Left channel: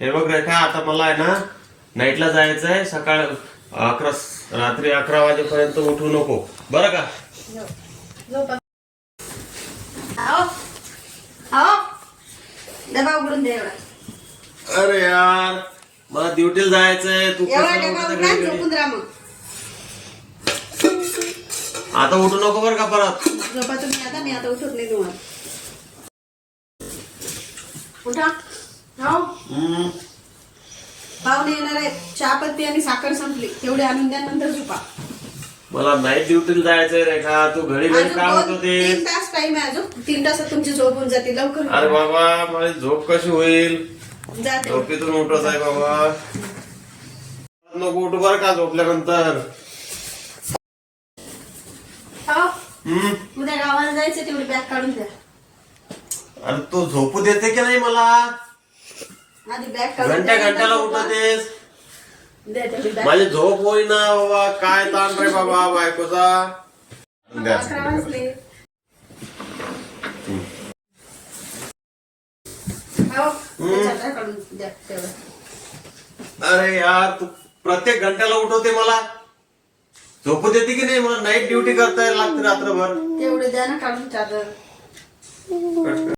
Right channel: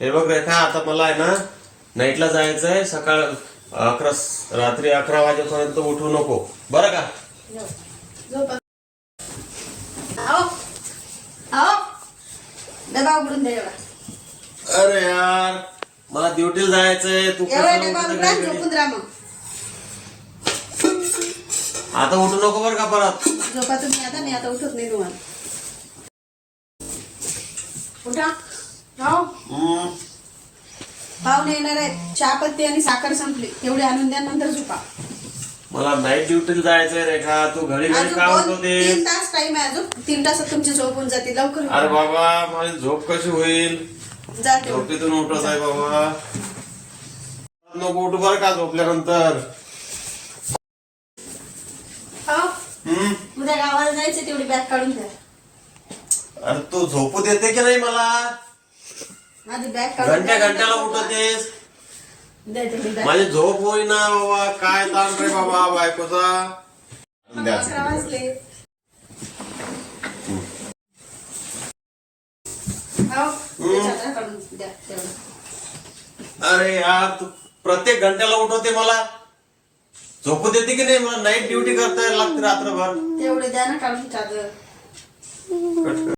हे बघ रेखा, आता मला आहे ना नाईटला जायचंय. सकाळ 11 रात्री 11 वाजेपर्यंत उठू नको बरं का. डबा उघडून दे एवढा. अरे यार, मला ड्युटीला जायचंय. तू एवढा कशाला डबा उठते उघडा घडी घडी? झोपून राहा मग. आता उठू नको बरं का परत. झोपा तुम्ही आता. मी आता उठत नाही तुम्हाला. उठा. हो पाहुणे येणार आहेत. चहापत्ती आणि साखर संपली, तेवढी आणून द्या, नंतर झोपा. मला नाईट ड्युटीला जायचंय रेखा. तू घडी घडी अजून का दोन- होतो 3 ते? तास टाइम आहे. अजून 3 तासात तुमची झोप होऊन जाते. लवकर उठा. अरे बाबा, माझी झोप कशी होईल? जाते. झोपेतून उठत आहे बाबा. नको उठू बरं का झोपल्यानंतर. हो उद्या गावाला जायचं, तेवढी बॅग काढून द्या. अरे तू झोपू देते की नाही मला? आधी बॅग काढून द्या, घंट्याला नंतर झोपा. उठतेस. दे तेवढी बॅग. माझी झोप होईना बाबा. काय ताण रे बाबा बायकोचा. द्या. 11 वाजले. हो त्याच्यात बॅग काढून द्या तेवढं. अरे यार, तू प्रत्येक घंट्याला उठवते मला. झोपू देते की नाही? मला नाईट ड्युटी करता लागते रात्रभर. तेवढे द्या ना काढून चादर.